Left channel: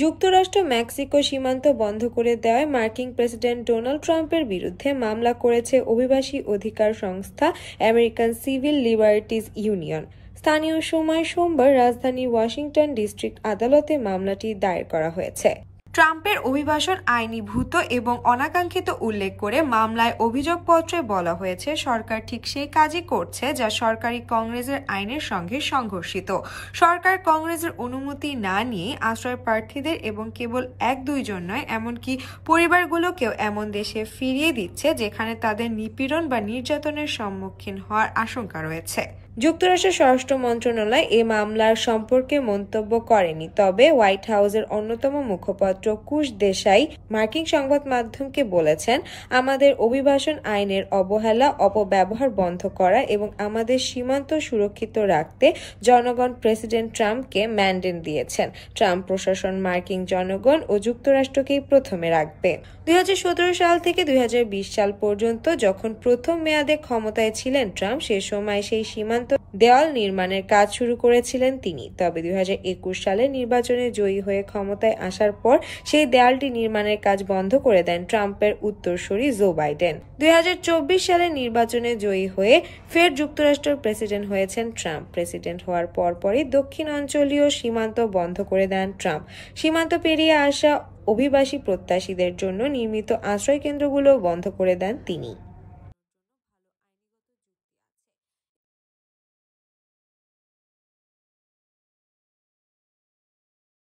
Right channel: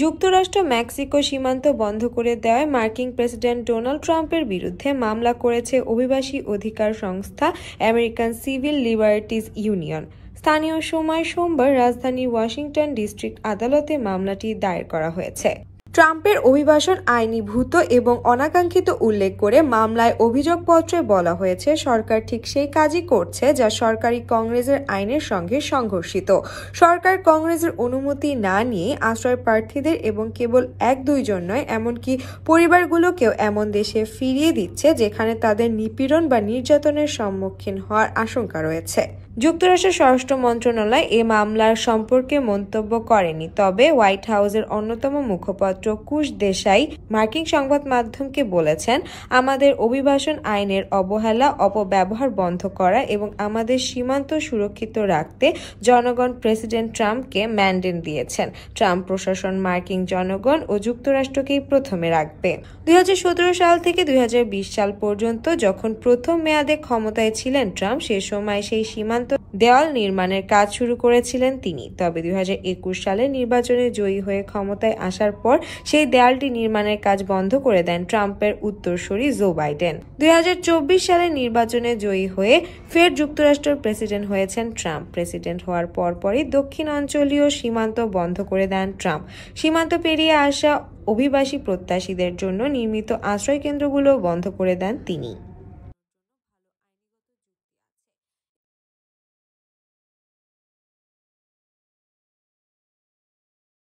যুক্তরাষ্ট্র মেক্সিকো সীমান্ত বন্ধ করে দেওয়ায় মার্কিন প্রেসিডেন্ট ডোনাল্ড ট্রাম্পের বিরুদ্ধে মামলা করেছে অভিবাসী অধিকার সংস্থা আমেরিকান সিভিল লিবার্টিজ ইউনিয়ন। স্থানীয় সময় সোমবার রাজধানী ওয়াশিংটন ডিস্ট্রিক্ট আদালতে মামলাটি দায়ের করা হয়েছে। ট্রাম্পের অভিবাসন আইনি ভূত এবং অনাকাঙ্ক্ষিত উল্লেখ করে মামলায় অভিযোগপত্রে বলা হয়েছে সরকার ঠিক সেই কাজই করছে যা সরকারি কংগ্রেসের আইনের সঙ্গে সংঘর্ষিত। সরকার কংগ্রেসের অনুমতি না নিয়ে আশ্রয় প্রার্থীদের এবং কেবল 1-2 জন নয় এমনকি পরিবারগুলোকেও এমন দেশে ফিরিয়ে দিচ্ছে যেখানে তাদের নিপীড়ন বা নির্যাতনের সম্মুখীন হওয়ার আশঙ্কা রয়েছে। যুক্তরাষ্ট্রের স্বরাষ্ট্র মন্ত্রণালয় এ মামলার সম্পর্কে মন্তব্য করেনি, তবে হোয়াইট হাউসের অন্যতম মুখপাত্র কুশ দেশাই মার্কিন সংবাদ মাধ্যমকে বলেছেন, আমাদের অভিবাসন আইনের অবহেলা, অপব্যবহার বন্ধ করা এবং আমাদের সীমান্ত সুরক্ষিত রাখতে জনগণ প্রেসিডেন্ট ট্রাম্পকে ম্যান্ডেট দিয়েছেন। ট্রাম্প প্রশাসন মার্কিন জনগণ ও যুক্তরাষ্ট্রকেই প্রথমে রাখবে। 2017 সাল থেকে 2020 সাল পর্যন্ত যখন প্রথম মেয়াদে ক্ষমতায় ছিলেন ট্রাম্প, সে সময় সেই সীমান্ত দেওয়াল নির্মাণের কাজ শুরু করেছিলেন তিনি। তবে 2021 সালে নির্বাচনে জয়ী হয়ে ক্ষমতায় আসার পর সেই দেয়ালটি নির্মাণের কাজ বন্ধ করে দেন ট্রাম্পের উত্তরসূরি জো বাইডেন। 2024 সালে নির্বাচনে জয়ী হয়ে ফের যুক্তরাষ্ট্রের প্রেসিডেন্ট হয়েছেন ট্রাম্প। প্রেসিডেন্ট হওয়ার পরপরই দক্ষিণ অঞ্চলীয় সীমান্ত বন্ধ করে দেন ট্রাম্প। সীমান্ত পেরিয়ে আসা অভিবাসী প্রত্যাশীদের জন্য নির্মিত আশ্রয় কেন্দ্রগুলো বন্ধ করে দেন তিনি।